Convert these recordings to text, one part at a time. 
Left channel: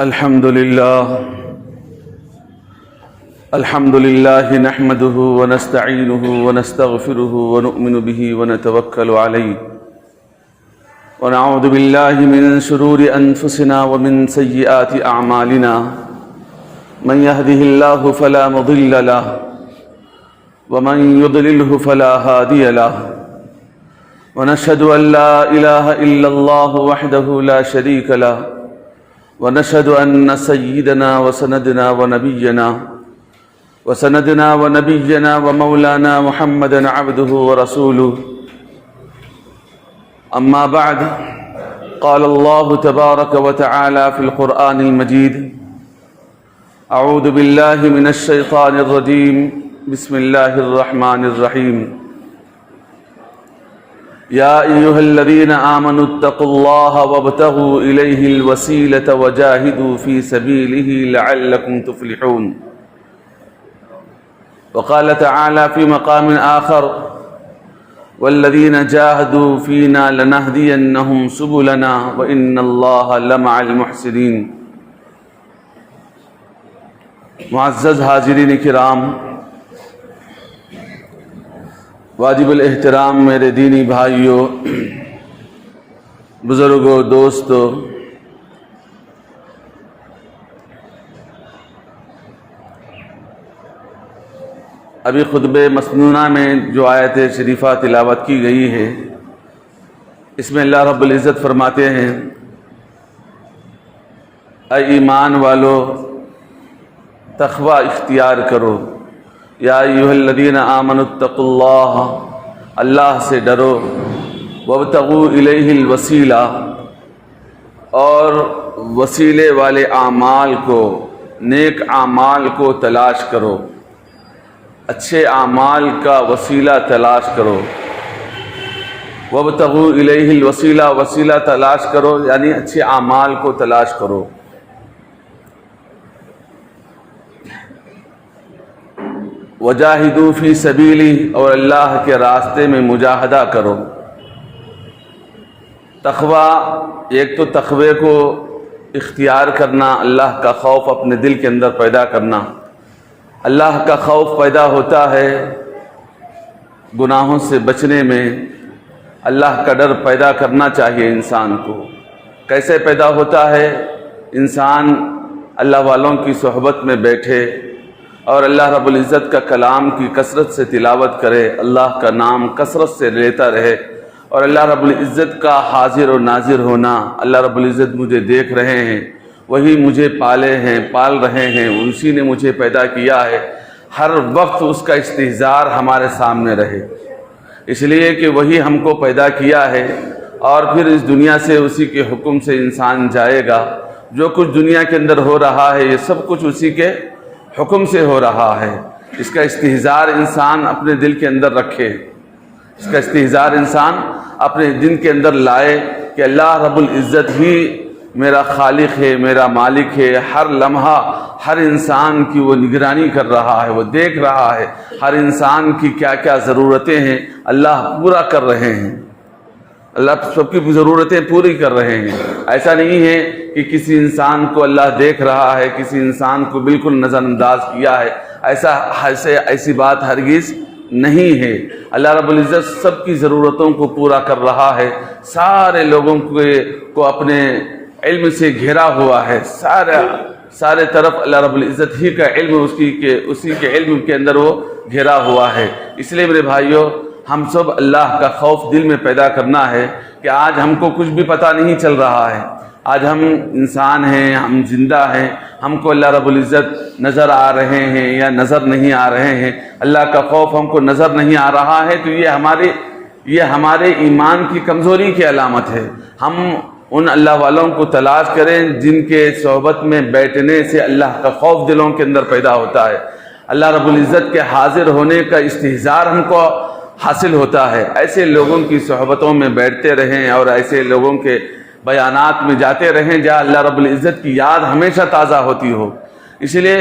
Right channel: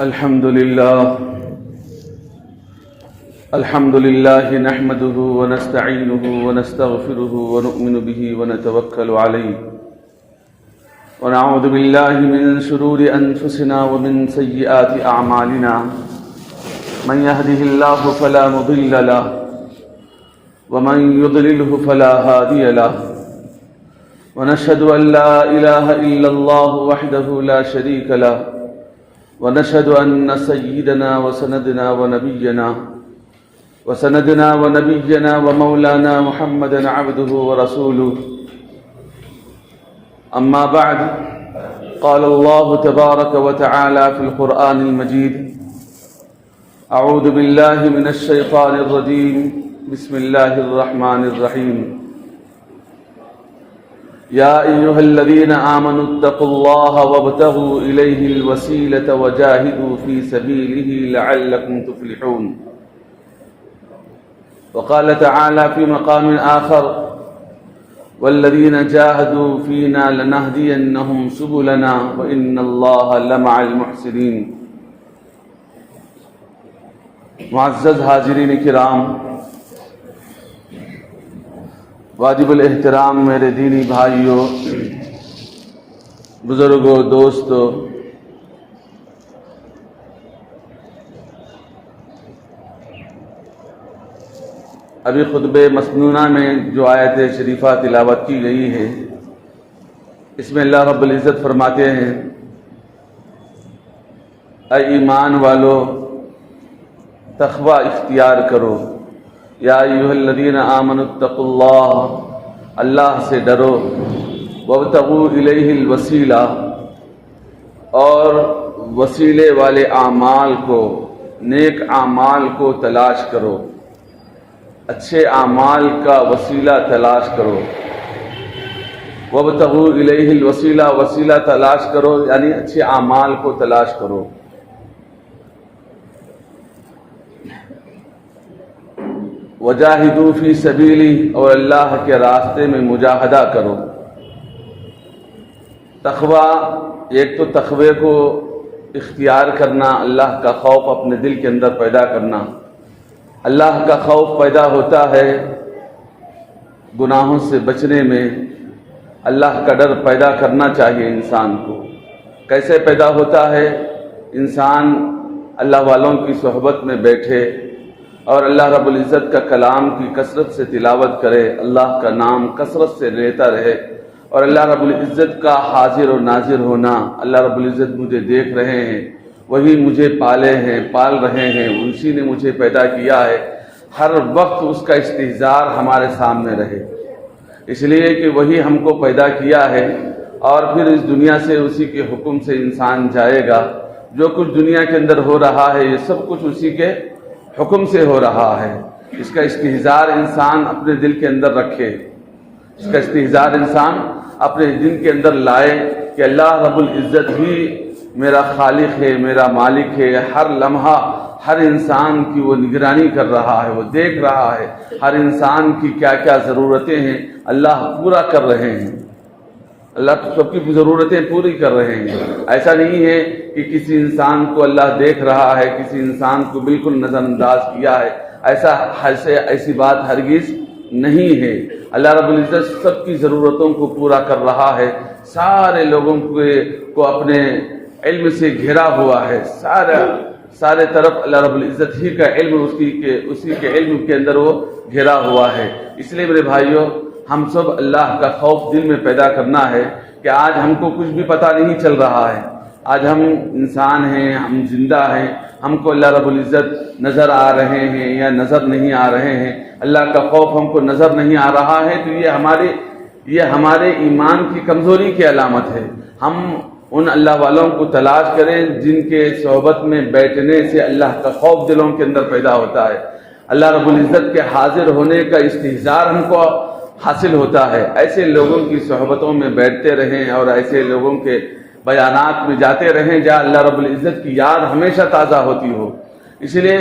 الحمد لله نحمده ونستعينه ونستغفره ونؤمن به ونتوكل عليه ونعوذ بالله من شرور أنفسنا ومن سيئات أعمالنا من يهده الله فلا مضل له ومن يضلله فلا هادي له ونشهد أن لا إله إلا الله وحده لا شريك له ونشهد أن سيدنا وسندنا ونبينا ومولانا محمدا عبده ورسوله أما بعد قال الله تبارك وتعالى في القرآن المجيد أعوذ بالله من الشيطان الرجيم بسم الله الرحمن الرحيم يا أيها الذين آمنوا اتقوا الله وابتغوا إليه الوسيلة وجاهدوا في سبيله لعلكم تفلحون وقال تعالى في مقام آخر والذين جاهدوا فينا لنهدينهم سبلنا وإن الله لمع المحسنين. معزز حاضرین کرام، واجب الاحترام میرے دینی بھائیوں، بزرگوں، دوستوں، ابھی خطبہ مسنونہ میں جو آیت شریفہ تلاوت کی گئی ہے، اس میں اللہ رب العزت فرماتے ہیں: اے ایمان والو، تقوی اختیار کرو. یا ایھا الذین آمنوا اتقوا اللہ، اللہ سے ڈرو. وابتغوا الیہ الوسیلہ، اور وسیلے والے اعمال کو، نیک اعمال کو تلاش کرو، اچھے اعمال کا وسیلہ تلاش کرو. وابتغوا الیہ الوسیلہ، وسیلہ تلاش کرو یعنی اچھے اعمال کو تلاش کرو. وجاہدوا فی سبیلہ، اور اللہ کے راستے میں مجاہدہ کرو. تقوی، ایک تو تقوی کو اختیار کرنا، اللہ کا خوف اپنے دل کے اندر پیدا کرنا. اللہ کا خوف پیدا ہوتا ہے گناہوں سے بچنے میں. اللہ کا ڈر پیدا کرنا چاہیے انسان کو. کیسے پیدا ہوتا ہے؟ انسان اللہ والوں کی صحبت میں بیٹھے اور اللہ رب العزت کا کلام کی کثرت سے تلاوت کرے، اللہ کا نام کثرت سے لیتا رہے، اور اللہ رب العزت کا حاضر و ناظر ہونا. اللہ رب العزت مجھے دیکھ رہے ہیں، وہی مجھے پالے ہیں، پال رہے ہیں، اسی نے مجھے پیدا کیا ہے. ہر وقت اس کا استحضار ہمارے سامنے رہے، اس لیے کہ وہی ہم کو پیدا کیا ہے، اور پھر اس دنیا سے اسی کے حکم سے انسان جائے گا. جو کچھ دنیا کے اندر ہو رہا ہے، یہ سب کچھ اسی کے حکم سے ہو رہا ہے. اس کا استحضار انسان اپنے دل کے اندر رکھے، اس کا استحضار انسان اپنے دل کے اندر لائے کہ اللہ رب العزت ہی میرا خالق ہے، میرا مالک ہے. ہر لمحہ ہر انسان کی وہ نگرانی کر رہا ہے، وہ دیکھ رہا ہے ہر انسان کی کیا کیا ضرورتیں ہیں، اللہ پورا کر رہے ہیں. اللہ سب کی ضرورتیں پوری کر رہے ہیں. ایسا نہیں ہے کہ کسی انسان کو اللہ دیکھ رہا ہے، کسی انسان کو بالکل نظر انداز کیا ہے. ایسی بات ہرگز نہیں ہے. اللہ رب العزت سب کی ضرورتوں کو پورا کر رہا ہے. سارے لوگوں کو اپنے علم سے گھیرا ہوا ہے. سارے طرف اللہ رب العزت ہی کا علم، اسی کے علم کے اندر وہ گھیرا ہوا ہے. اس لیے میرے بھائیوں، ہم سب اللہ کا خوف دل میں پیدا کرنا ہے کہ آج ہم کو کچھ بھی پتہ نہیں چل رہا ہے. آج ہم انسان ہیں، ہم زندہ ہیں، ہم کو اللہ رب العزت نظر آ رہے ہیں یا نظر نہیں آ رہے ہیں. اللہ کا خوف ہم کو نظر نہیں آ رہا ہے تو یہ ہمارے ایمان کی کمزوری کی علامت ہے. ہم ان اللہ والوں کو تلاش کریں جن کے صحبت میں بیٹھنے سے اللہ کا خوف دلوں کے اندر پیدا ہوتا ہے، اللہ رب العزت کے حاضر ہونے کا استحضار ہم کو حاصل ہوتا ہے. ایسے لوگوں کی صحبتوں میں بیٹھتے رہیں اور ایسے لوگوں کے بیانات میں جاتے رہیں جہاں اللہ رب العزت کی یاد ہمیشہ تازہ ہوتی ہو. اس لیے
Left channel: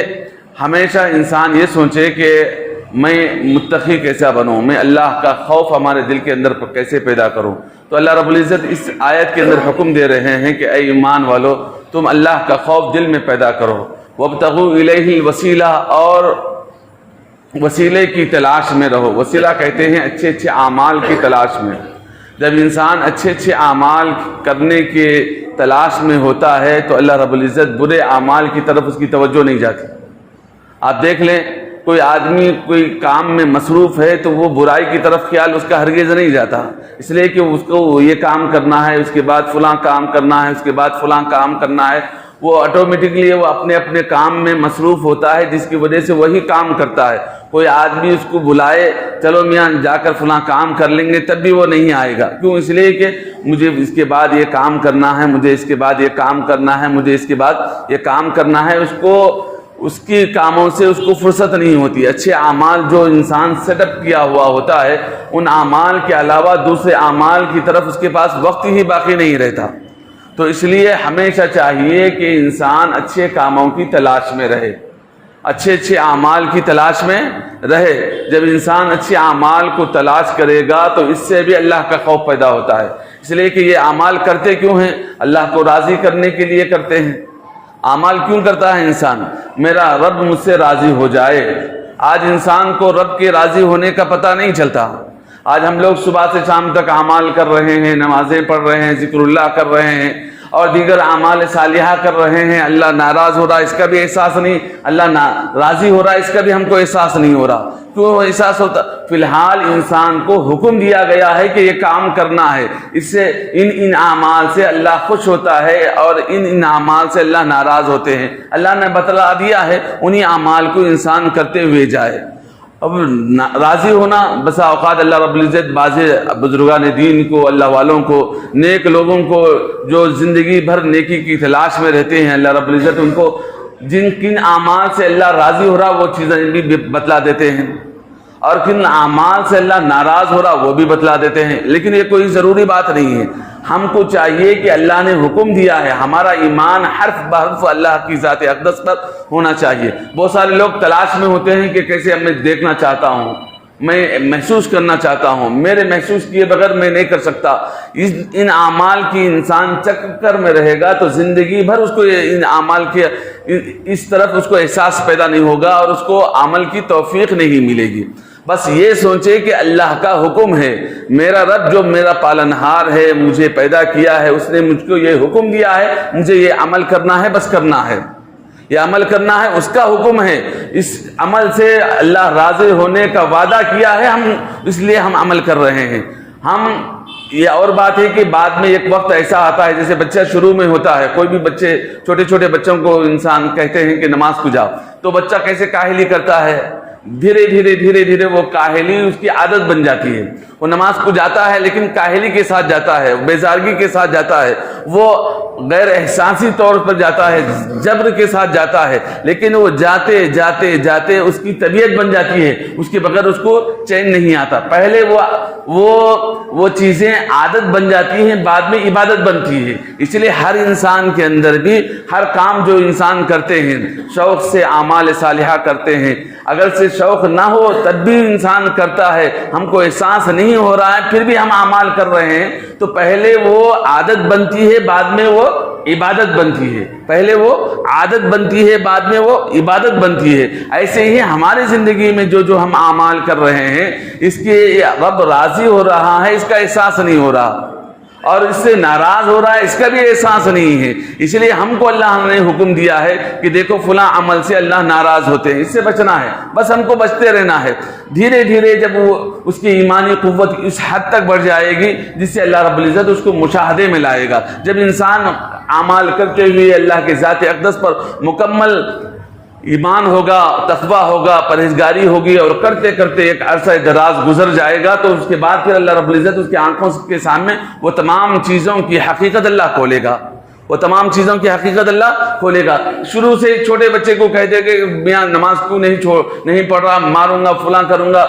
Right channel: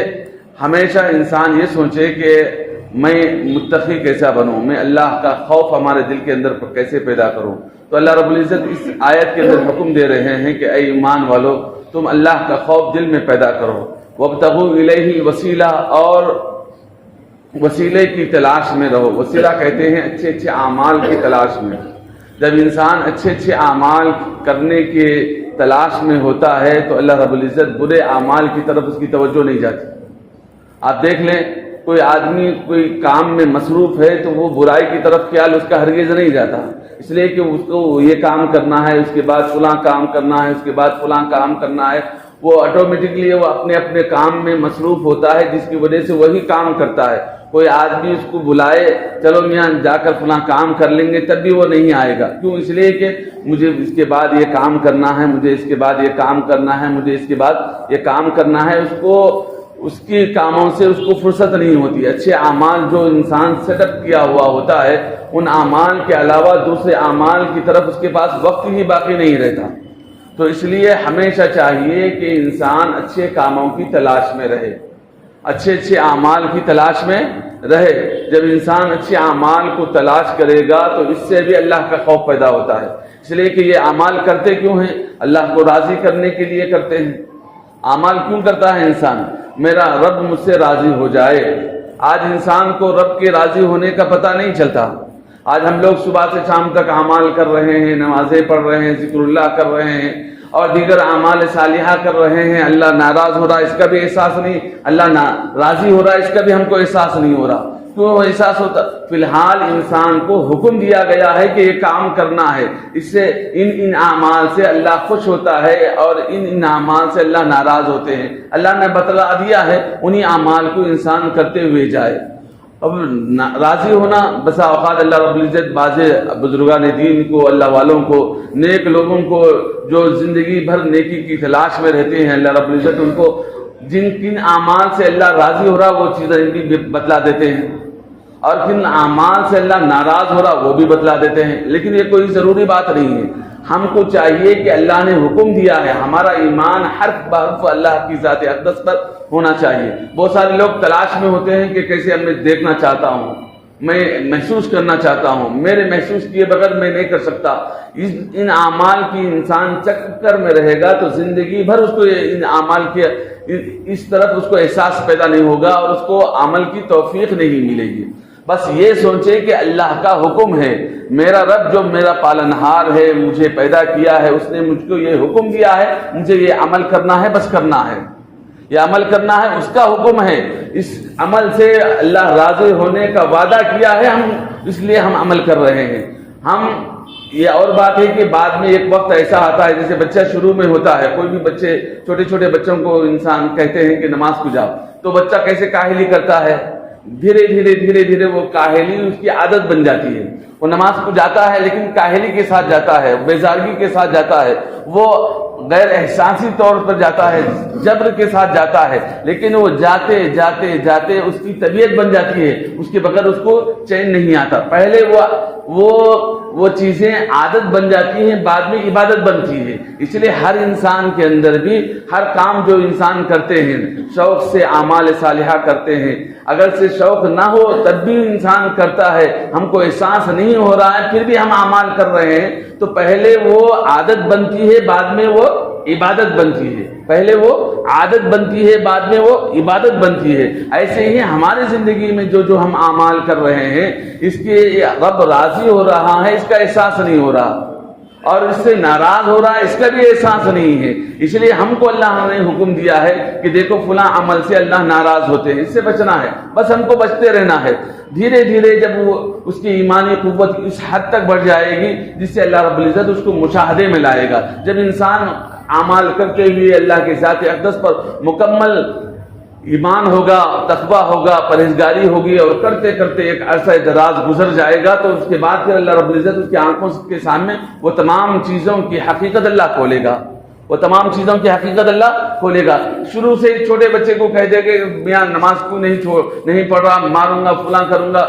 ہمیشہ انسان یہ سوچے کہ میں متقی کیسا بنوں، میں اللہ کا خوف ہمارے دل کے اندر کیسے پیدا کروں، تو اللہ رب العزت اس آیت کے اندر حکم دے رہے ہیں کہ اے ایمان والو تم اللہ کا خوف دل میں پیدا کرو، وابتغوا الیہ الوسیلہ، اور وسیلے کی تلاش میں رہو۔ وسیلہ کہتے ہیں اچھے اچھے اعمال کی تلاش میں۔ جب انسان اچھے اچھے اعمال کرنے کے تلاش میں ہوتا ہے تو اللہ رب العزت برے اعمال کی طرف اس کی توجہ نہیں جاتی۔ آپ دیکھ لیں کوئی آدمی کوئی کام میں مصروف ہے تو وہ برائی کی طرف خیال اس کا ہرگز نہیں جاتا، اس لیے کہ اس کو یہ کام کرنا ہے، اس کے بعد فلاں کام کرنا ہے، اس کے بعد فلاں کام کرنا ہے، وہ آٹومیٹکلی وہ اپنے اپنے کام میں مصروف ہوتا ہے، جس کی وجہ سے وہی کام کرتا ہے۔ کوئی آدمی اس کو بلائے چلو میاں جا کر فلاں کام کر لیں گے، تب بھی وہ نہیں آئے گا۔ کیوں؟ اس لیے کہ مجھے اس کے بعد یہ کام کرنا ہے، مجھے اس کے بعد یہ کام کرنا ہے، مجھے اس کے بعد یہ کام کرنا ہے۔ اس کو اس کی کاموں سے اس کو فرصت نہیں ہوتی۔ اچھے اعمال جو انسان سیٹ اپ کیا ہوا ہوتا ہے، ان اعمال کے علاوہ دوسرے اعمال کی طرف اس کے پاس وقت ہی باقی نہیں رہتا۔ تو اس لیے ہمیشہ چاہیے کہ انسان اچھے کاموں کی تلاش میں رہے، اچھے اچھے اعمال کی تلاش میں رہے۔ جب انسان اچھے اعمال کو تلاش کرے گا تو اس سے بھی اللہ کا خوف پیدا ہوتا ہے، اس لیے کہ یہ اعمال کرتے کیوں ہیں؟ اللہ کو راضی کرنے کے لیے کرتے ہیں۔ اعمال کیوں کرتا ہے انسان؟ میرا رب مجھ سے راضی ہو جائے۔ آج انسان کو رب کے راضی ہونے کا پتہ نہیں چلتا۔ آج ہم لوگ صبح سے شام تک اعمال کر رہے ہیں، نمازیں پڑھ رہے ہیں، ذکر اللہ کر رہے ہیں اور دیگر اعمال صالحہ کر رہے ہیں۔ اللہ ناراض ہو رہا ہے اس کا بھی احساس نہیں، اللہ راضی ہو رہا ہے اس کا بھی ہم کو احساس نہیں ہو رہا۔ کیوں وہ احساس ہوتا؟ فی الحال انسان کو حکم دیا گیا ہے کہ یہ کام کرنا ہے، اس سے ان اعمال سے اللہ خوش ہوتا ہے اور ان اعمال سے اللہ ناراض ہوتے ہیں۔ اللہ نے بتلا دیا ہے، انہی اعمال کو انسان کرتے ہوئے جائے۔ اب راضی ہونا بسا اوقات اللہ رب العزت بعض بزرگان دین کو، اللہ والوں کو، نیک لوگوں کو جو زندگی بھر نیکی کی تلاش میں رہتے ہیں، اللہ رب العزت ان کو جن کن اعمال سے اللہ راضی ہو رہا وہ چیزیں بھی بتلا دیتے ہیں، اور کن اعمال سے اللہ ناراض ہو رہا وہ بھی بتلا دیتے ہیں۔ لیکن یہ کوئی ضروری بات نہیں ہے۔ ہم کو چاہیے کہ اللہ نے حکم دیا ہے، ہمارا ایمان حرف بحرف اللہ کی ذات اقدس پر ہونا چاہیے۔ بہت سارے لوگ تلاش میں ہوتے ہیں کہ کیسے میں دیکھنا چاہتا ہوں، میں محسوس کرنا چاہتا ہوں، میرے محسوس کیے بغیر میں نہیں کر سکتا۔ ان اعمال کی انسان چکر میں رہے گا تو زندگی بھر اس کو ان اعمال کے اس طرف اس کو احساس پیدا نہیں ہوگا اور اس کو عمل کی توفیق نہیں ملے گی۔ بس یہ سوچے کہ اللہ کا حکم ہے، میرا رب جو میرا پالنہار ہے، مجھے پیدا کیا ہے، اس نے مجھ کو یہ حکم دیا ہے، مجھے یہ عمل کرنا ہے، بس کرنا ہے، یہ عمل کرنا ہے، اس کا حکم ہے۔ اس عمل سے اللہ راضی ہونے کا وعدہ کیا ہے، ہم اس لیے ہم عمل کر رہے ہیں۔ یہ اور بات ہے کہ بعد میں ایک وقت ایسا آتا ہے، جیسے بچہ شروع میں ہوتا ہے، کوئی بھی بچے چھوٹے چھوٹے بچوں کو انسان کہتے ہیں کہ نماز کو جاؤ، تو بچہ کیسے کاہلی کرتا ہے، دھیرے دھیرے وہ کاہلی اس کی عادت بن جاتی ہے۔ وہ نماز کو جاتا ہے لیکن کاہلی کے ساتھ جاتا ہے، بیزارگی کے ساتھ جاتا ہے، وہ غیر احساسی طور پر جاتا ہے، جبر کے ساتھ جاتا ہے، لیکن وہ جاتے جاتے اس کی طبیعت بن جاتی ہے، اس کے بغیر اس کو چین نہیں آتا۔ پہلے وہ چیزیں عادت بن جاتی ہیں، بعد میں عبادت بنتی ہے۔ اس لیے ہر انسان کے اندر بھی ہر کام جو انسان کرتے ہیں شوق سے اعمال صالحہ کرتے ہیں، اگر سے شوق نہ ہو تب بھی انسان کرتا ہے، ہم کو احساس نہیں ہو رہا ہے پھر بھی ہم اعمال کر رہے ہیں، تو پہلے وہ عادت بنتی ہے، بعد میں وہ عبادت بنتی ہے۔ پہلے وہ عادت بنتی ہے، بعد میں وہ عبادت بنتی ہے۔ ایسے ہی ہماری زندگی میں جو ہم اعمال کر رہے ہیں، اس کے رب راضی ہو رہا ہے اس کا احساس نہیں ہو رہا، اور اس سے ناراض ہو رہا ہے اس کا بھی احساس نہیں ہے۔ اس لیے ہم کو اللہ نے حکم دیا ہے کہ دیکھو فلاں عمل سے اللہ ناراض ہوتے ہیں، اس سے بچنا ہے، بس ہم کو بچتے رہنا ہے۔ دھیرے دھیرے جب وہ اس کی ایمانی قوت اس حد تک بڑھ جائے گی جس سے اللہ رب العزت اس کو مشاہدے میں لائے گا۔ جب انسان اعمال کرتے ہوئے اللہ کے ذات اقدس پر مکمل ایمان ہوگا، تقویٰ ہوگا، پرہیزگاری ہوگی، اور کرتے کرتے ایک عرصہ دراز گزر جائے گا تو اس کے بعد پھر اللہ رب العزت اس کی آنکھوں کے سامنے وہ تمام چیزوں کی حقیقت اللہ کھولے گا، وہ تمام چیزوں کی حقیقت اللہ کھولے گا۔ شروع سے ایک چھوٹے بچے کو کہہ دے کہ میاں نماز کیوں نہیں پڑھ رہا، ماروں گا، فلاں کروں گا،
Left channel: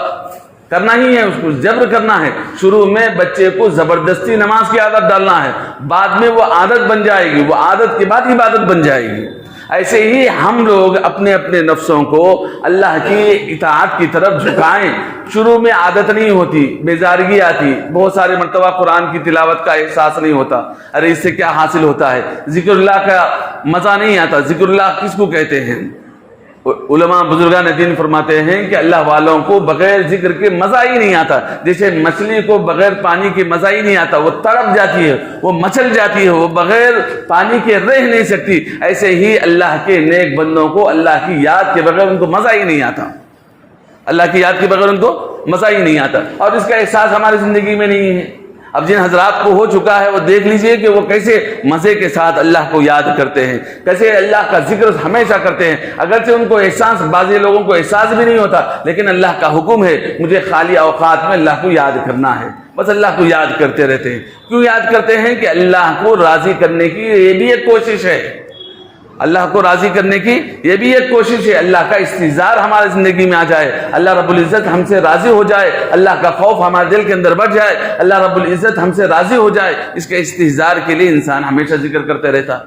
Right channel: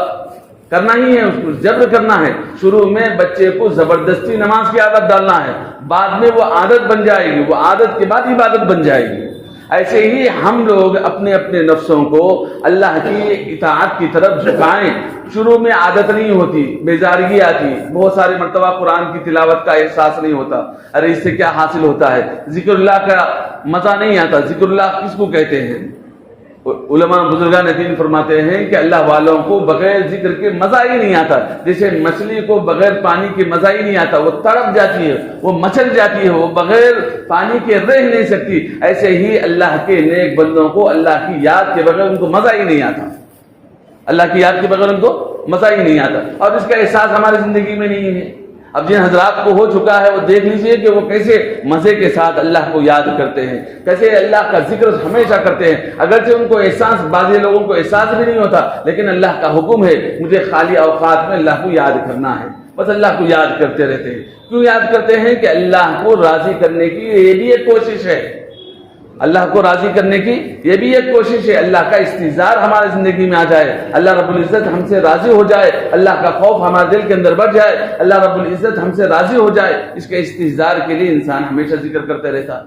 کرنا ہی ہے، اس کو جبر کرنا ہے۔ شروع میں بچے کو زبردستی نماز کی عادت ڈالنا ہے، بعد میں وہ عادت بن جائے گی، وہ عادت کے بعد عبادت بن جائے گی۔ ایسے ہی ہم لوگ اپنے اپنے نفسوں کو اللہ کی اطاعت کی طرف جھکائیں. شروع میں عادت نہیں ہوتی، بیزارگی آتی، بہت سارے مرتبہ قرآن کی تلاوت کا احساس نہیں ہوتا، ارے اس سے کیا حاصل ہوتا ہے، ذکر اللہ کا مزہ نہیں آتا. ذکر اللہ کس کو کہتے ہیں؟ علماء بزرگان دین فرماتے ہیں کہ اللہ والوں کو بغیر ذکر کے مزہ ہی نہیں آتا. جیسے مچھلی کو بغیر پانی کے مزہ ہی نہیں آتا، وہ تڑپ جاتی ہے، وہ مچل جاتی ہے، وہ بغیر پانی کے رہ نہیں سکتی. ایسے ہی اللہ کے نیک بندوں کو اللہ کی یاد کے بغیر ان کو مزہ ہی نہیں آتا، اللہ کی یاد کے بغیر ان کو مزہ ہی نہیں آتا. اور اس کا احساس ہماری زندگی میں نہیں ہے. اب جن حضرات کو ہو چکا ہے وہ دیکھ لیجئے کہ وہ کیسے مزے کے ساتھ اللہ کو یاد کرتے ہیں، کیسے اللہ کا ذکر ہمیشہ کرتے ہیں. اگرچہ ان کو احساس، بعض لوگوں کو احساس بھی نہیں ہوتا، لیکن اللہ کا حکم ہے مجھے خالی اوقات میں اللہ کو یاد کرنا ہے، بس اللہ کو یاد کرتے رہتے ہیں. کیوں یاد کرتے ہیں؟ کہ اللہ کو راضی کرنے کی یہ بھی ایک کوشش ہے، اللہ کو راضی کرنے کی یہ بھی ایک کوشش ہے. اللہ کا استحضار ہمارے زندگی میں آ جائے، اللہ رب العزت ہم سے راضی ہو جائے، اللہ کا خوف ہمارے دل کے اندر بڑھ جائے، اللہ رب العزت ہم سے راضی ہو جائے. اس کے استحضار کے لیے انسان ہمیشہ ذکر کرتے رہتا.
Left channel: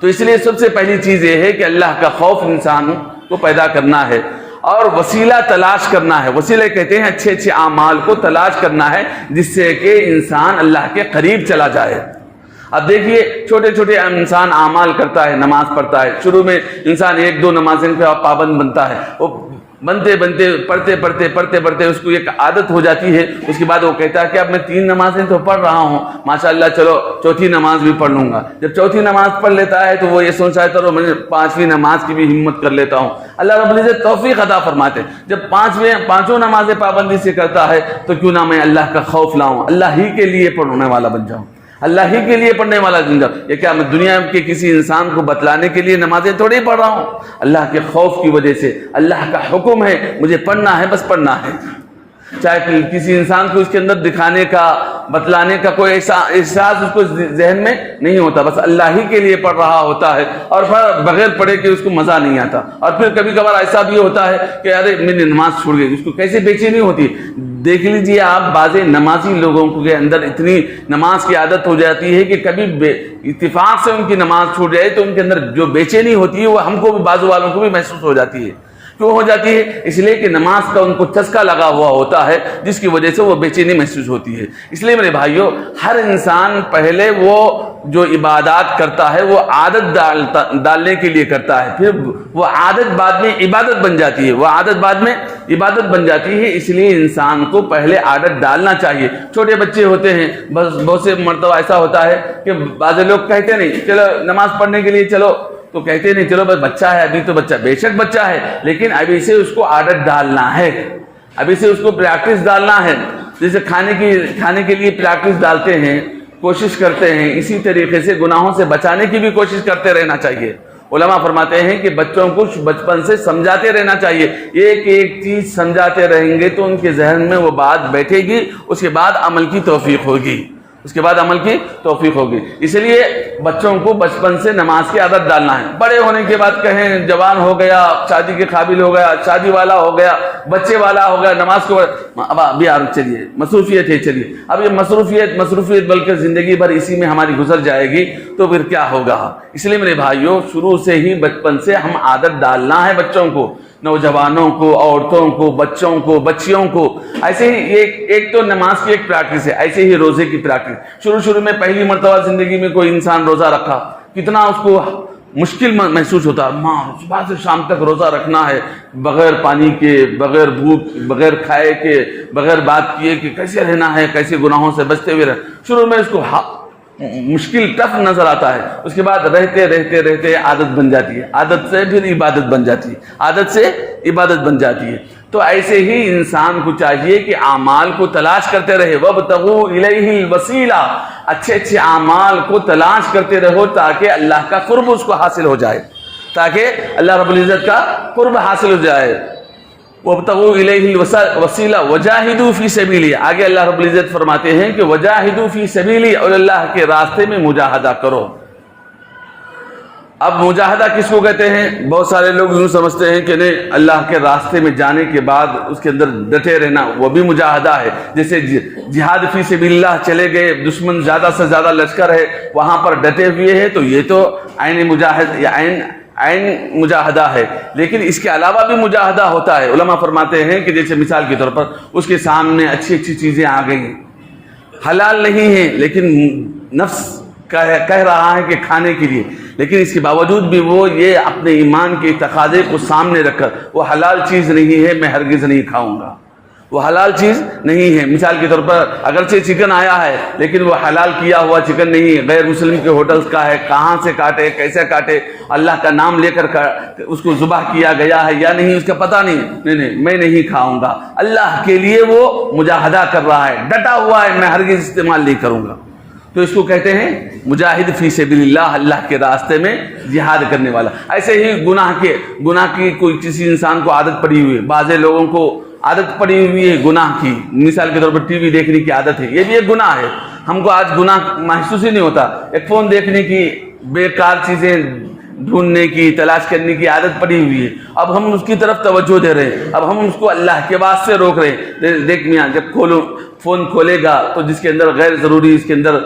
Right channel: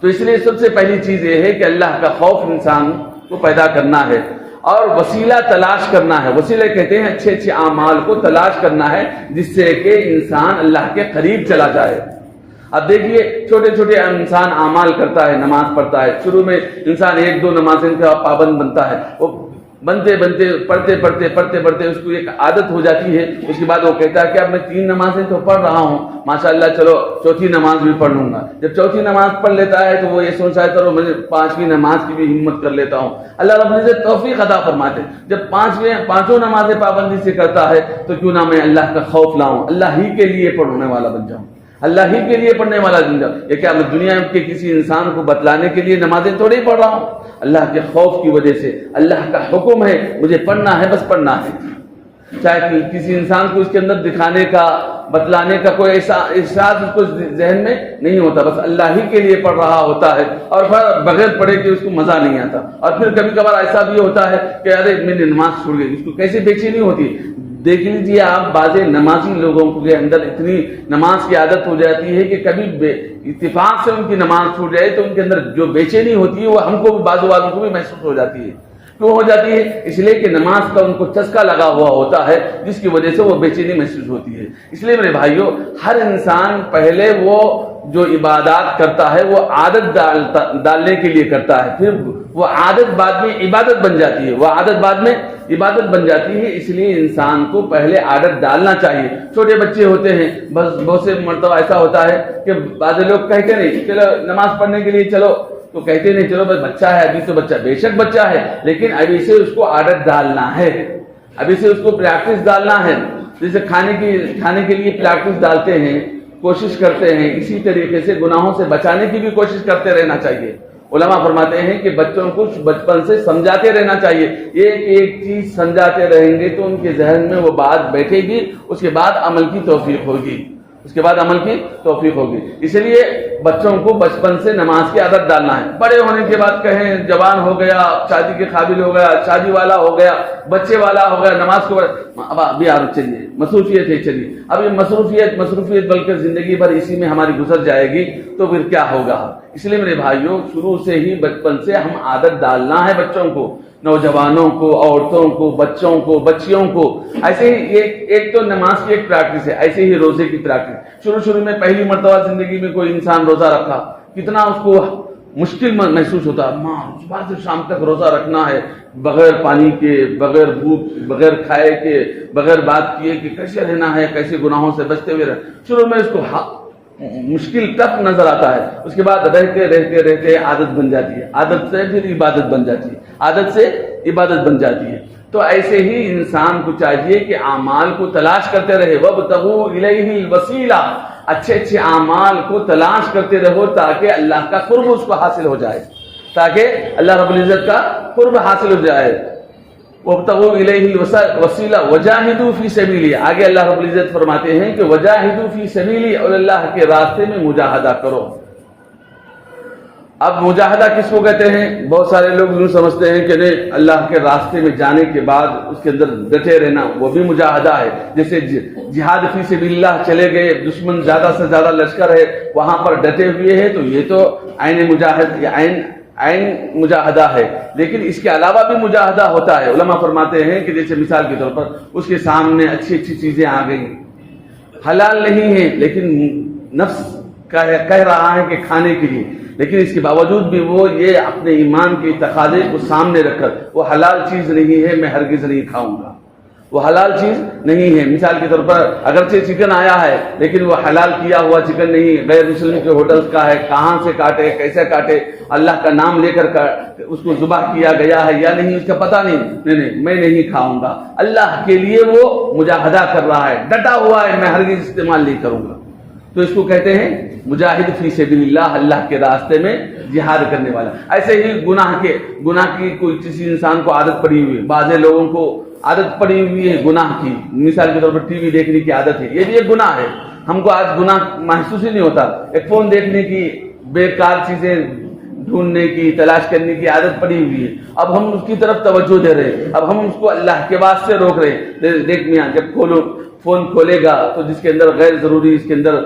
تو اس لیے سب سے پہلی چیز یہ ہے کہ اللہ کا خوف انسان کو پیدا کرنا ہے اور وسیلہ تلاش کرنا ہے. وسیلے کہتے ہیں اچھے اچھے اعمال کو تلاش کرنا ہے جس سے کہ انسان اللہ کے قریب چلا جائے. اب دیکھیے چھوٹے چھوٹے انسان اعمال کرتا ہے، نماز پڑھتا ہے، شروع میں انسان ایک دو نمازیں پہ پابند بنتا ہے، وہ بنتے بنتے پڑھتے اس کو ایک عادت ہو جاتی ہے. اس کے بعد وہ کہتا ہے کہ اب میں 3 نمازیں تو پڑھ رہا ہوں، ماشاءاللہ چلو چوتھی نماز بھی پڑھ لوں گا. جب چوتھی نماز پڑھ لیتا ہے تو وہ یہ سوچتا ہے چلو میں 5ویں نماز کی بھی ہمت کر لیتا ہوں. اللہ رب العزت توفیق عطا فرماتے ہیں. جب پانچوں نمازیں پابندی سے کرتا ہے تو کیوں نہ میں اللہ کا خوف لاؤں، اللہ ہی کے لیے پڑھنے والا بن جاؤں، اللہ ہی کے لیے پڑھنے والا بن جاؤں. یہ کیا میں دنیا کے کسی انسان کو بتلانے کے لیے نمازیں تھوڑی پڑھ رہا ہوں، اللہ کے خوف کی وجہ سے. اللہ کا حکم ہے مجھے پڑھنا ہے، بس پڑھنا ہے. چاہے کسی انسان کو اس کے اندر دکھانے کا، بتلانے کا کوئی احساس اس کو ذہن میں نہیں ہوتا، بس اللہ ہی کے لیے پڑھ رہا ہوتا ہے اور پھر بغیر پڑھے کہ اس کو مزہ نہیں آتا. اور پھر کبھی کبھار ایسا بھی ہوتا ہے کہ ارے میں نے نماز چھوڑ گئی، اس کو کیسے بے چینی ہوتی. دیکھ لیجئے آپ بعض نمازی لوگوں کے اندر اتنی نماز کی عادت ہو جاتی ہے کہ کبھی اتفاق سے ان کی نماز چھوٹ جائے تو ان کے اندر جو بے چینی ہوتی ہے وہ ہم کو بھی، بعض والوں کو بھی محسوس ہو جاتی ہے. کیوں ہو جاتی ہے؟ اس لیے کہ نماز کا ان کو چسکا لگا ہوا ہوتا ہے جس کی وجہ سے وہ بے چینی محسوس ہوتی ہے. اس لیے میرے بھائیوں، ہر انسان پہلے وہ جو عبادات کرتا ہے وہ عادت ڈالنے کے لیے کرتا ہے، پھر وہ عادت بعد میں عبادت بن جاتی ہے، وہ عادت بعد میں عبادت بن جاتی ہے. اس لیے انسان کو پہلے عادت ڈالنا چاہیے. چھوٹے بچے ہوتے ہیں، بس بہت سے مرتبہ ایسا ہوتا ہے کہ بعض لوگ کہتے نہیں چلو نماز پڑھنے کے لیے چلو، تو کہتے نہیں چلو بس بچہ ہے، ابھی تو بچہ، بے شک بچہ ہے، لیکن ابھی سے اس کو عادت ڈالنا ہے، ابھی سے اس کو پریکٹس ڈالنا ہے. جیسے کھانے کے لیے پریکٹس ڈالتے ہیں، کوشش کرتے ہیں، اسی طریقے سے گناہوں سے بچانے کی بھی کوشش کرتے رہنا چاہیے. علماء فرماتے ہیں کہ بچوں کو بچپن سے سمجھاتے رہنا چاہیے. ایک ایک چیز سمجھاتے رہیں گے تو ان کے ذہن میں وہ بات بیٹھے گی، اس کے بعد عمل کی توفیق ہوگی، اس کے بعد عمل کی توفیق ہوگی. اس لیے بچوں کو بچپن سے نماز کی عادت ڈالنا ہے. بڑے ہونے کے بعد کہیں جوان ہو گیا، شادی کے قابل ہو گیا، شادی والا ہو گیا، بچے والا ہو گیا، نماز کو اب ابھی آپ چلیے مصروفیت ہے، چلیے اب یہ مصروفیت بلکہ زندگی بھر اسی میں ہماری گزر جائے گی تو پھر کیا ہوگا. اس لیے میرے بھائیوں، شروع سے ہی بچپن سے ہم عادت ڈالنا ہے بچوں کو، نوجوانوں کو، عورتوں کو، بچوں کو، بچیوں کو. ایسے ہی ایک تو نماز کی ایک پریکٹس ہے، ایسے ہی روزے کی پریکٹس. شروع میں پہلی مرتبہ زندگی میں کوئی انسان روزہ رکھا، کتنا اس کو مشکل محسوس ہوتا ہے. صبح سے شام تک روزہ رکھنا ہے، بغیر پانی کے، بغیر بھوک، بغیر کھائے کے، بغیر بات کیے کہ کیسے رہنا ہے، کیسے گناہوں سے بچتے ہوئے رہنا. شروع میں اس کو مشکل ٹف نظر آتا ہے. اس کے بعد رہتے عادت بن جاتی ہے، عادت سے پھر عبادت بن جاتی ہے، عادت سے عبادت بن جاتی ہے. تو ایسے ہی انسان کو چاہیے کہ اعمال کو تلاش کرتے رہے. وَابْتَغُوا إِلَيْهِ الْوَسِيلَةَ، اچھے اعمال کو تلاش کرتے رہو تاکہ اللہ کا قرب اس کو حاصل ہو جائے، تاکہ اللہ رب العزت کا قرب حاصل ہو جائے. وَابْتَغُوا إِلَيْهِ الْوَسِيلَةَ وَجَاهِدُوا فِي سَبِيلِهِ. آگے اللہ رب العزت فرماتے ہیں کہ وَجَاهِدُوا فِي سَبِيلِهِ، اور اللہ کے راستے میں مجاہدہ کرو. اب مجاہدہ کس کو کہتے ہیں؟ بہت سارے لوگ یوں سمجھتے ہیں کہ نہیں، اللہ کے راستے میں جانے کے بعد اس کے اندر ڈٹے رہنا وہ بھی مجاہدہ ہے. جیسے جہاد فی سبیل اللہ چلے گئے، دشمن زیادہ سے زیادہ لشکر ہے، وہاں پر ڈٹے ہوئے ہیں، تو یہ تو عین مجاہد یا عین مجاہدہ ہے. لیکن اس کے علاوہ بھی مجاہدہ ہوتا ہے. علماء فرماتے ہیں کہ جیسے مثال کے طور پر اس کے سامنے اچھی اچھی چیزیں آ گئی، حلال نہیں ہیں لیکن نفس کہہ رہا ہے کہ کھانے کے لیے، لیکن اس کے باوجود بھی وہ یہ اپنے ایمان کے تقاضے کو سامنے رکھ کر وہ حلال چیز نہیں ہے، میں ہرگز نہیں کھاؤں گا، وہ حلال چیز نہیں ہے. مثال کے طور پر اگرچہ چکن آیا ہے لیکن وہ حلال کیا ہوا چکن نہیں ہے، غیر مسلم کے ہوٹلز کا ہے، کہاں سے کاٹے، کیسے کاٹے، اللہ کا نام لے کر اس کو ذبح کیا گیا ہے یا نہیں اس کا پتہ نہیں، میں نہیں کھاؤں گا. اللہ کے لیے وہ مجاہدہ کر رہا ہے، ڈٹا ہوا ہے، میں ہرگز استعمال نہیں کروں گا. تو اس کو کہتے ہیں مجاہد فی سبیل اللہ، اللہ کے راستے میں جہاد کرنے والا. ایسے ہی گناہ کی کوئی کسی انسان کو عادت پڑی ہوئی ہے، بعض لوگوں کو عادت پڑی ہوئی ہے گناہ کی، مثال کے طور پر ٹی وی دیکھنے کی عادت ہے، یہ بھی ایک گناہ ہے. ہم کو آج گناہ محسوس ہی نہیں ہوتا. ایک فون دیکھنے کی، بیکار چیزیں ڈھونڈنے کی، تلاش کرنے کی عادت پڑی ہوئی ہے. اب ہم اس کی طرف توجہ دے رہے ہیں، اب ہم اس کو اللہ کے واسطے روک رہے ہیں. دیکھ میاں، جب فون کھولے گا تو جس کے اندر غیر ضروری، اس کے اندر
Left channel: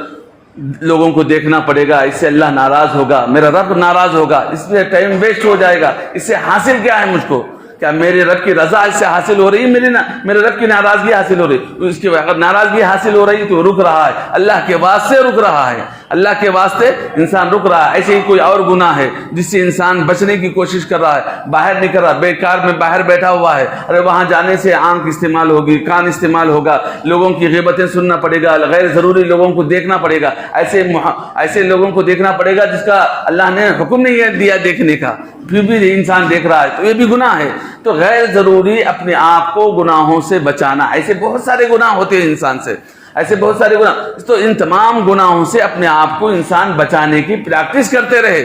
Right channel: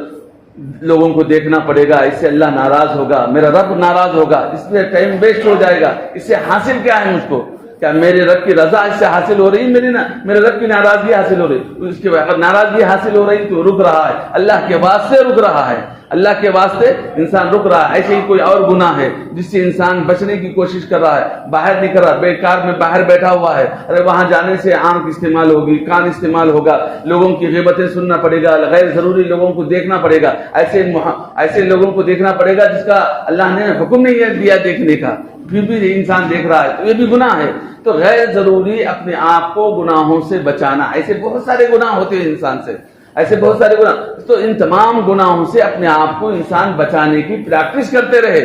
لوگوں کو دیکھنا پڑے گا، اس سے اللہ ناراض ہوگا، میرا رب ناراض ہوگا، اس میں ٹائم ویسٹ ہو جائے گا. اس سے حاصل کیا ہے مجھ کو؟ کیا میرے رب کی رضا اس سے حاصل ہو رہی ہے؟ میرے رب کی ناراضگی حاصل ہو رہی. اس کی اگر ناراضگی حاصل ہو رہی تو رک رہا ہے، اللہ کے واسطے رک رہا ہے، اللہ کے واسطے انسان رک رہا ہے. ایسے ہی کوئی اور گناہ ہے جس سے انسان بچنے کی کوشش کر رہا ہے، باہر نہیں کر رہا، بیکار میں باہر بیٹھا ہوا ہے، ارے وہاں جانے سے آنکھ استعمال ہوگی، کان استعمال ہوگا، لوگوں کی غیبتیں سننا پڑے گا، غیر ضروری لوگوں کو دیکھنا پڑے گا، ایسے لوگوں کو دیکھنا پڑے گا جس کا اللہ نے حکم نہیں دیا دیکھنے کا، پھر بھی انسان دیکھ رہا ہے، تو یہ بھی گناہ ہے. تو غیر ضروری اپنے آپ کو گناہوں سے بچانا. ایسے بہت سارے گناہ ہوتے ہیں انسان سے، ایسے بہت سارے گناہ. تو ان تمام گناہوں سے اپنے آپ کو انسان بچانے کی پریکٹس کرتے رہے.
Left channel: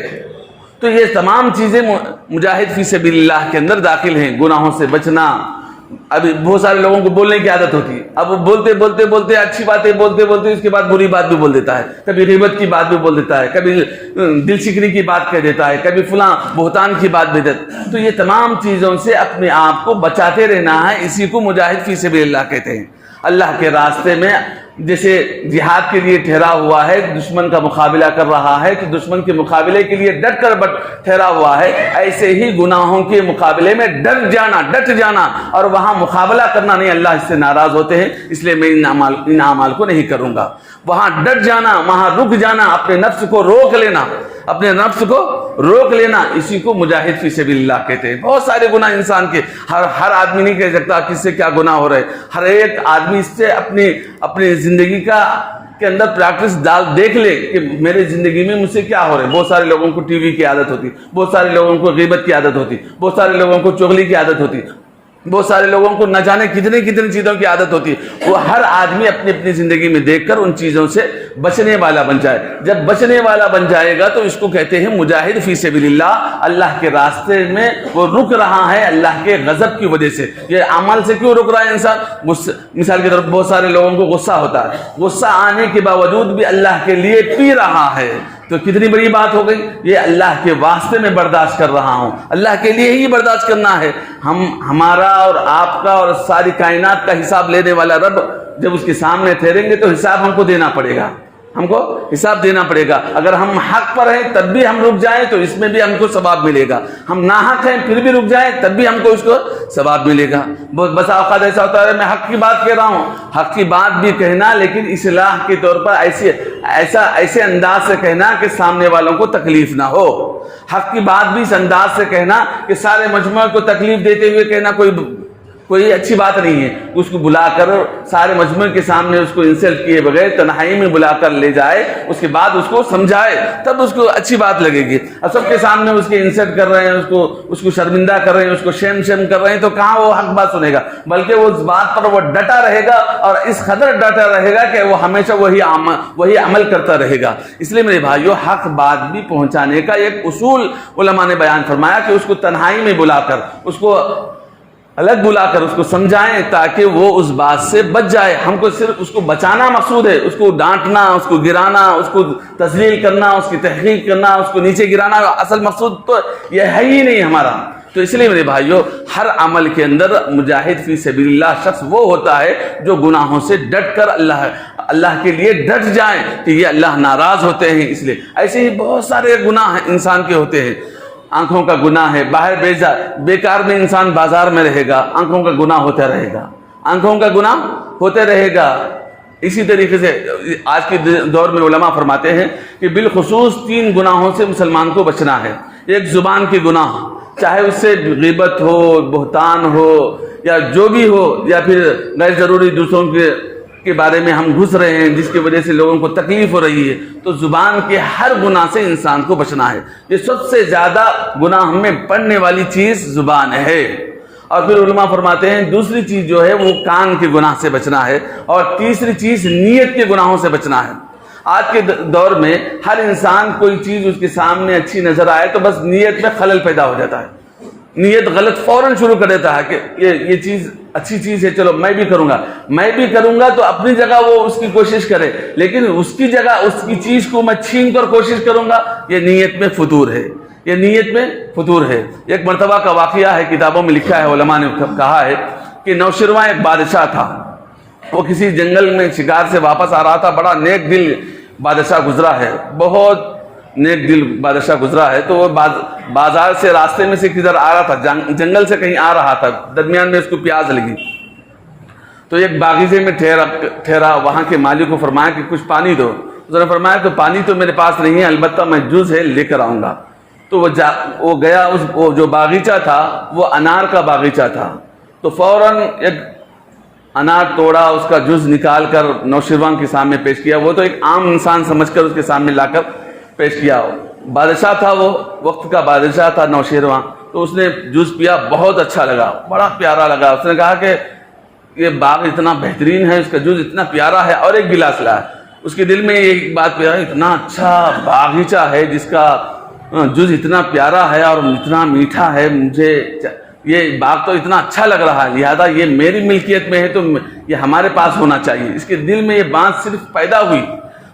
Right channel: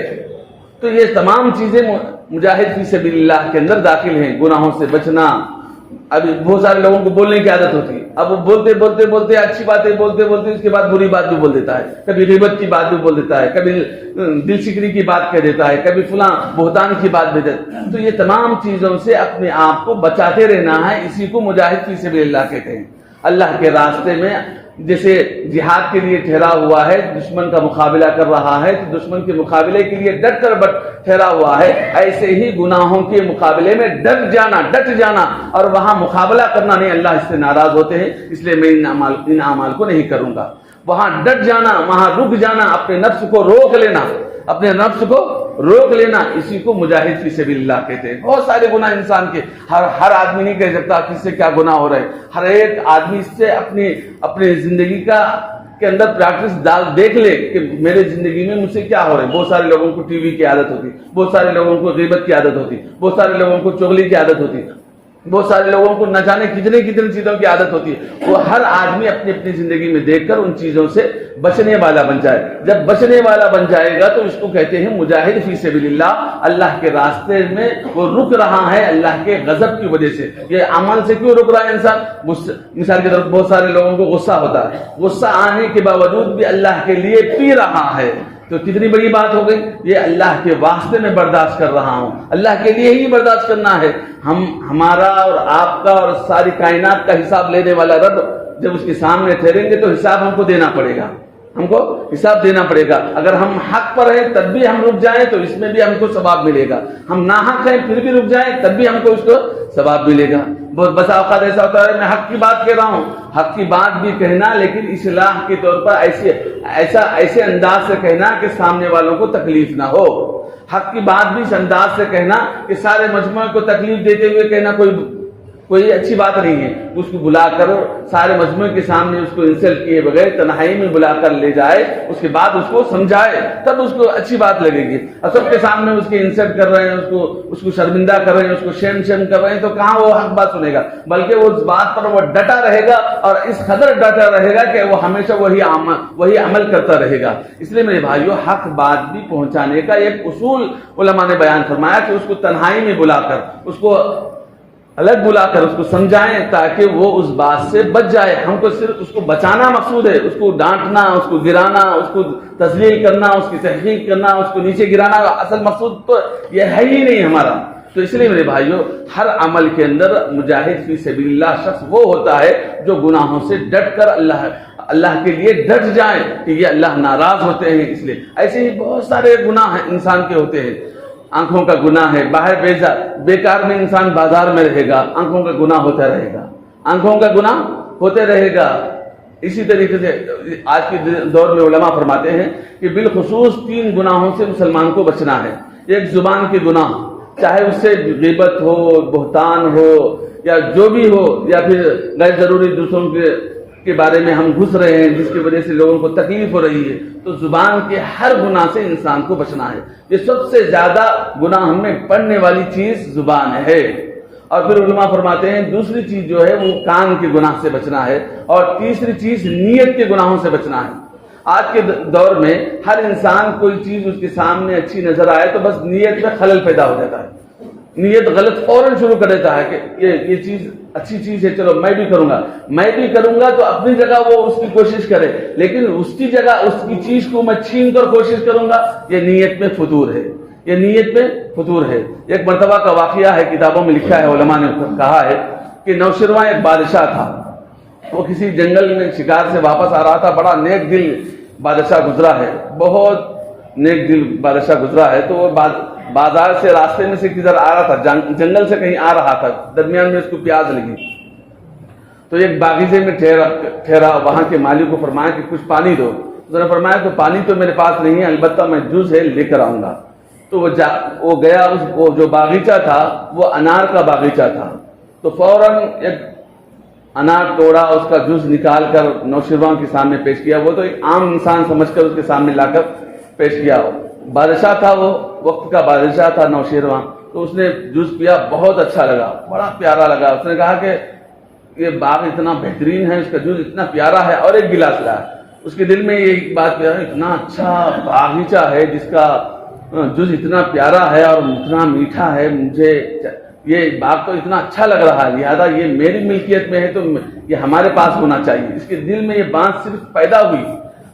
تو یہ تمام چیزیں مجاہد فی سبیل اللہ کے اندر داخل ہیں. گناہوں سے بچنا. ابھی بہت سارے لوگوں کو بولنے کی عادت ہوتی ہے، اب بولتے اچھی باتیں بولتے اس کے بعد بری بات بھی بول دیتا ہے، کبھی غیبت کی بات بھی بول دیتا ہے، کبھی دل شکنی کی بات کہہ دیتا ہے، کبھی فلاں بہتان کی بات بھی دیتا ہے. تو یہ تمام چیزوں سے اپنے آپ کو بچاتے رہنا ہے. اسی کو مجاہد فی سبیل اللہ کہتے ہیں. اللہ کے راستے میں جیسے جہاد کے لیے ٹھہرا ہوا ہے، دشمن کا مقابلہ کر رہا ہے تو دشمن کے مقابلے کے لیے ڈٹ کر ٹھہرا ہوا ہے، ایسے ہی گناہوں کے مقابلے میں ڈٹ جانا اور وہاں مقابلہ کرنا نہیں. اللہ اس سے ناراض ہوتے ہیں، اس لیے میں ان اعمال کو نہیں کروں گا. وہاں ڈٹ جانا، وہاں رک جانا، اپنے نفس کو روک لینا، اسی کو مجاہد فی سبیل اللہ کہتے ہیں. بہت سارے گناہ انسان کے، ہر آدمی نہیں کہہ سکتا کس سے کیا گناہ ہو رہا ہے. ہر ایک آدمی اس سے اپنے زندگی کے اندر پریکٹس دیکھ لے کہ میرے زندگی میں مجھ سے کیا ہو رہا ہے. بہت سارے لوگوں کو ٹی وی کی عادت ہوتی، بہت سارے لوگوں کو غیبت کی عادت ہوتی، بہت سارے لوگوں کو چغلی کی عادت ہوتی، بہت سارے لوگوں کو نہ جانے کتنی چیزوں کی عادت ہوتی ہے. وہ ہر آدمی اپنی زندگی میں دیکھ کر ان چیزوں سے بچنے والا بن جائے. جب بچنے والا بن جائے گا تو اس کو کہتے ہیں مجاہد فی سبیل اللہ. اللہ کے راستے میں وہ رک رہا ہے اللہ کے غضب کی وجہ سے. یہ عمل سے کیوں رک رہا ہے انسان؟ مثال کے طور پر بہت سارے لوگوں کو غصہ ہوتا ہے، غصہ آنے کے باوجود بھی اللہ کے لیے پی رہا ہے، تو کتنی بڑی بات ہو گئی. یہ اللہ کے واسطے میں برداشت کر رہا ہوں، اللہ کے لیے ہی برداشت کرنا ہے. ہمارا اور آپ کا اور ساری کائنات کا حساب لینے والا رب جب اس کے سامنے ٹھہریں گے تو حساب ہم کو دینا پڑے گا، اگر ہم حق پر ہیں تب بھی ہم رک جائیں تو اس میں بھی ہم کو ثواب ملے گا، ہم ناحق ہیں پھر بھی رک جائیں تب بھی ہم کو اس کو ثواب ملے گا. بہت بسا اوقات ایسا ہوتا ہے میں حق کی بات کہہ رہا ہوں، حق کی بات بھی کہنا لیکن اصلاح کے طور پر ایسے انداز سے کہنا کہ سامنے والوں کو تکلیف نہ ہو. حق کی بات بھی اس انداز سے کہنا کہ سارے مجموعہ کو تکلیف دیتے ہوئے کہنا کوئی اچھی بات نہیں ہے. اس کو بلا کر سارے مجموعے کے سامنے اس کو انسلٹ کیے بغیر تنہائی میں بلا کر لے جائے، اس کے بعد اس کو سمجھائے، تب اس کو اچھی بات لگے گی. اور سب کے سامنے اس کے انسلٹ کر رہے ہیں، اس کو شرمندہ کر رہے ہیں، اس کو شیم کر رہے ہیں، تو کہاں وہ حق بات سنے گا؟ بلکہ وہ اس بات پر وہ ڈٹا رہے گا اور اس قدر ڈٹا رہے گا کہ وہ ہمیشہ وہی عمل کرتا رہے گا. اس لیے میرے بھائیوں، حق بات بھی پہنچانے کا ایک اصول علماء نے بیان فرمایا کہ اس کو تنہائی میں بلا کر، اس کو الگ بلا کر اس کو سمجھائیں تاکہ وہ اس بات سے بچ جائے. ہم کو صرف اس کو بچانا مقصود ہے, اس کو ڈانٹنا, اس کو گرانا, اس کو تذلیل کرنا, اس کی تحقیر کرنا, اس کو نیچے گرانا اصل مقصود تو یہ ہے ہی نہیں ہمارا. تو اس لیے میرے بھائیوں, ہر عمل کے اندر مجاہد فی سبیل اللہ شخص وہ ہوتا ہے جو گناہوں سے ڈٹ کر اللہ کے لیے ڈٹ جائیں کہ یہ اللہ ناراض ہوتے ہیں. اس لیے ایسے ہی بہت سارے گناہ انسان کے ہوتے ہیں. آنکھوں کا گناہ ہے, باہر بیکار میں انسان بازار میں رہے گا, آنکھوں کا گناہ ہوتا رہے گا, آنکھوں کا گناہ ہوتے رہے گا. اسی طریقے سے آج کے دور میں علماء فرماتے ہیں کہ بالخصوص 3 گناہوں سے مسلمان کو بچنا ہے. ایک زبان کے گناہ, چاہے اس سے غیبت ہو, بہتان ہو, یا جو بھی ہو, یا پھر غیر ضروری دوسروں کے بارے میں ہم گھس رہے ہیں جس کی وجہ سے لوگوں کو تکلیف ہو رہی ہے. تو زبان کے ہر گناہ سے انسان کو بچنا ہے. یہ سب سے زیادہ گناہ ہمیں پڑنے والی چیز زبان ہے. اور پھر علماء فرماتے ہیں دوسری چیز جو ہے وہ کان کے گناہ سے بچنا ہے, اور تیسری چیز نیت کے گناہوں سے بچنا ہے. آج کے دور میں ہر انسان کوئی چیز اس کے سامنے اچھی نظر آئے تو بس نیت میں خلل پیدا ہو جاتا ہے, نیت غلط فوراً شروع کر دیتا ہے کہ یہ چیز اچھی چیز ہے, چلو میں بھی کروں گا. تو اپنی جگہ وہ اس کی کوشش کرے, لیکن اس کی جگہ اس کی چیز کو میں چھین کر کوشش کروں گا, یہ نیت میں فطور ہے, یہ نیت میں فطور ہے. ایک مرتبہ کا واقعہ ہے, کتابوں میں لکھا ہے, علماء نے کہا ہے کہ نوشیروان ایک بادشاہ تھا. وہ کسی جنگل میں شکار سے واپس آ رہا تھا. بڑا نیک دل بادشاہ گزرا ہے, بہت نیک دل بادشاہ گزرا ہے. تو وہ بازار سے راستے میں سے کدھر آ رہا تھا, جنگل سے کہیں آ رہا تھا. درمیان میں اس کو پیاس لگی تو ایک باغیچے میں ٹھہرا. وہاں کے مالک کو فرمایا کہ کچھ پانی دو. اس نے فرمایا تو پانی تو میرے پاس نہیں ہے, البتہ میں جوس ہے لے کر آؤں گا. تو وہ گیا. وہ جو باغیچہ تھا وہ انار کا باغیچہ تھا. تو فوراً ایک انار توڑا, اس کا جوس نکال کر نوشیروان کے سامنے پیش کیا. وہ تو ایک عام انسان سمجھ کر اس کے سامنے لا کر پیش کیا. بادشاہ تھا, وہ وقت کا بادشاہ تھا نوشیروان. تو اس نے جوس پیا, بہت اچھا لگا, بڑا پیارا لگا. اس نے کہا کہ یہ باغ اتنا بہترین ہے, اس کا جوس اتنا پیارا ہے, اور ایک گلاس لایا. اس کے دل میں یہ بات پیارا, اتنا اچھا باغیچہ ہے جس کا جوس اتنا پیارا ہے اور اتنا میٹھا ہے, مجھے یہ باغ تو اتنا اچھا لگ رہا ہے, لہذا یہ میری ملکیت میں ہے تو یہ ہمارے پاس ہونا چاہیے. اس کے دل میں یہ بات صرف پیدا ہوئی.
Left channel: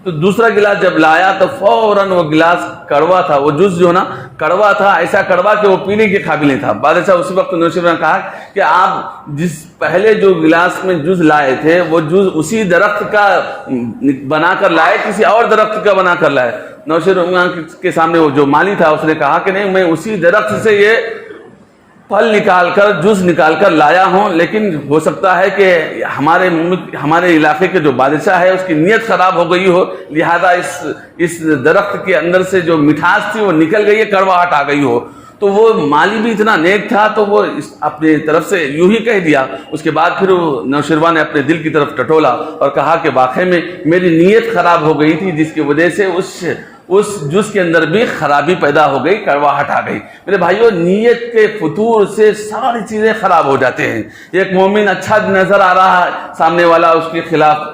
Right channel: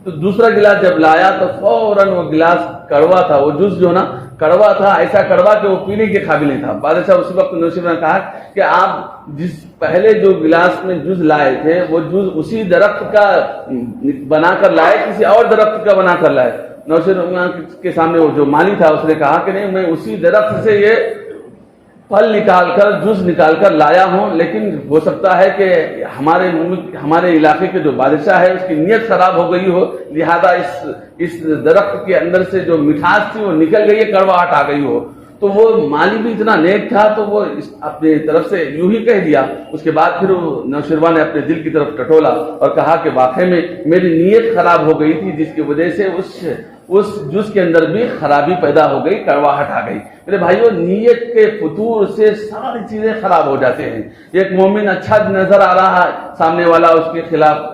تو دوسرا گلاس جب لایا تو فوراً وہ گلاس کڑوا تھا, وہ جوس جو نا کڑوا تھا, ایسا کڑوا کہ وہ پینے کے قابل نہیں تھا. بادشاہ اسی وقت نوشیروان نے کہا کہ آپ جس پہلے جو گلاس میں جوس لائے تھے وہ جوس اسی درخت کا بنا کر لائے, کسی اور درخت کا بنا کر لائے. نوشیروان کے سامنے وہ جو مالی تھا اس نے کہا کہ نہیں, میں اسی درخت سے یہ پھل نکال کر جوس نکال کر لایا ہوں, لیکن ہو سکتا ہے کہ ہمارے علاقے کے جو بادشاہ ہے اس کی نیت خراب ہو گئی ہو, لہذا اس درخت کے اندر سے جو مٹھاس تھی وہ نکل گئی ہے, کڑواہٹ آ گئی ہو. تو وہ مالی بھی اتنا نیک تھا تو وہ اپنے طرف سے یوں ہی کہہ دیا. اس کے بعد پھر وہ نوشیروان نے اپنے دل کی طرف ٹٹولا اور کہا کہ واقعی میں میری نیت خراب ہو گئی تھی, جس کی وجہ سے اس جوس کے اندر بھی خرابی پیدا ہو گئی, کڑواہٹ آ گئی. میرے بھائیو, نیت کے فطور سے ساری چیزیں خراب ہو جاتے ہیں. ایک مومن اچھا نظر آ رہا ہے, سامنے والا اس کے خلاف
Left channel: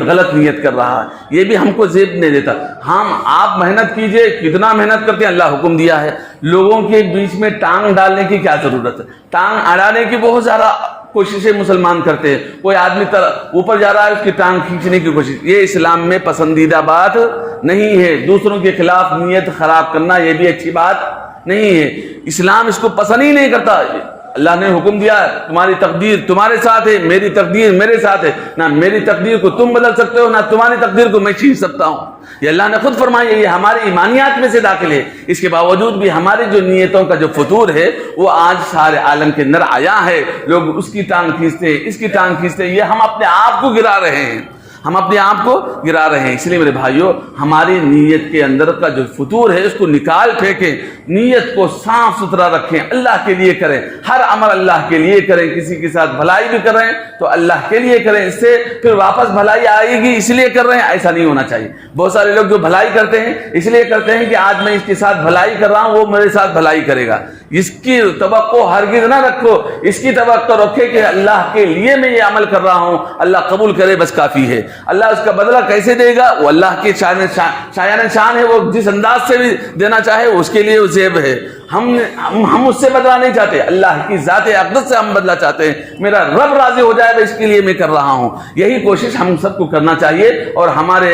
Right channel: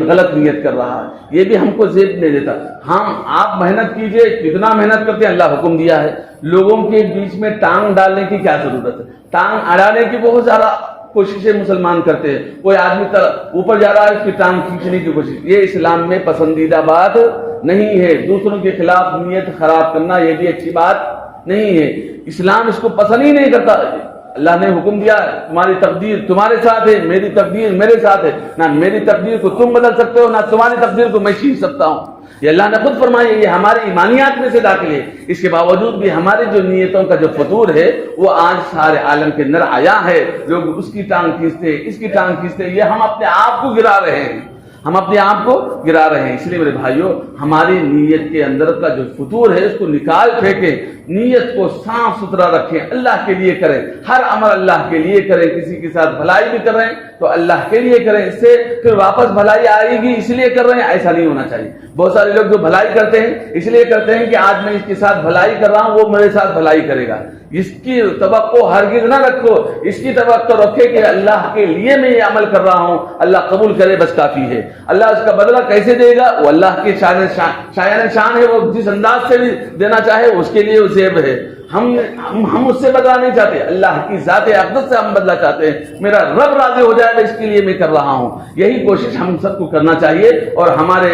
غلط نیت کر رہا ہے, یہ بھی ہم کو زیب نہیں دیتا. ہاں آپ محنت کیجئے, کتنا محنت کرتے ہیں, اللہ حکم دیا ہے. لوگوں کے بیچ میں ٹانگ ڈالنے کی کیا ضرورت ہے, ٹانگ اڑانے کی بہت زیادہ کوششیں مسلمان کرتے ہیں. کوئی آدمی اوپر جا رہا ہے, اس کی ٹانگ کھینچنے کی کوشش, یہ اسلام میں پسندیدہ بات نہیں ہے. دوسروں کے خلاف نیت خراب کرنا یہ بھی اچھی بات نہیں ہے. اسلام اس کو پسند ہی نہیں کرتا. اللہ نے حکم دیا تمہاری تقدیر تمہارے ساتھ ہے, میری تقدیر میرے ساتھ ہے. نہ میری تقدیر کو تم بدل سکتے ہو, نہ تمہاری تقدیر کو میں چھین سکتا ہوں. یہ اللہ نے خود فرمایا, یہ ہماری ایمانیات میں سے داخل ہے. اس کے باوجود بھی ہماری جو نیتوں کا جو فطور ہے وہ آج سارے عالم کے اندر آیا ہے. لوگ اس کی ٹانگ کھینچتے, اس کی ٹانگ کھینچتے, یہ ہم اپنے آپ کو گرا رہے ہیں, ہم اپنے آپ کو گرا رہے ہیں. اس لیے میرے بھائیوں, ہماری نیت کے اندر کا جو فطور ہے اس کو نکال پھینکیں, نیت کو صاف ستھرا رکھیں, اللہ کے لیے کریں, ہر عمل اللہ کے لیے کریں. کسی کے ساتھ بھلائی بھی کر رہے ہیں تو اللہ کے لیے کریں, اس سے پھر واپس بھلائی آئے گی اس لیے کر رہے ہیں, ایسا نہیں ہونا چاہیے. بہت سارے لوگ جو بھلائی کرتے ہیں اس لیے کرتے ہیں کہ آج میں اس کے ساتھ بھلائی کر رہا ہوں, وہ میرے ساتھ بھلائی کرے گا. اس کی توقع ہرگز نہ رکھو, اس کی توقع رکھے کہ اللہ کے لیے میں یہ عمل کر رہا ہوں, اللہ قبول کرے بس کافی ہے. اللہ اس کا بدلہ کیسے دے گا وہ اللہ کی شایان شان ہے, وہ جس انداز سے بھی دینا چاہے اس کے لیے وہ زیب ہے. ہم اس سے بدلہ نہیں چاہتے، اللہ کی ذات اقدس سے ہم بدلہ چاہتے ہیں، میرا رب راضی ہو جائے اس کے لیے میں کر رہا ہوں۔ یہی کوشش ہم سب کو کرنا چاہیے، اور ہمارے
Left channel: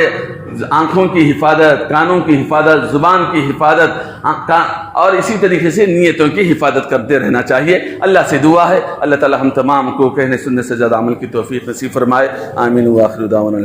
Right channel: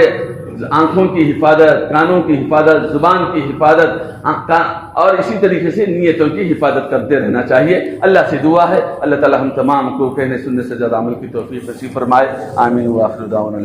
آنکھوں کی حفاظت، کانوں کی حفاظت، زبان کی حفاظت، اور اسی طریقے سے نیتوں کی حفاظت کرتے رہنا چاہیے۔ اللہ سے دعا ہے اللہ تعالی ہم تمام کو کہنے سننے سے زیادہ عمل کی توفیق نصیب فرمائے، آمین وآخر دعوانا۔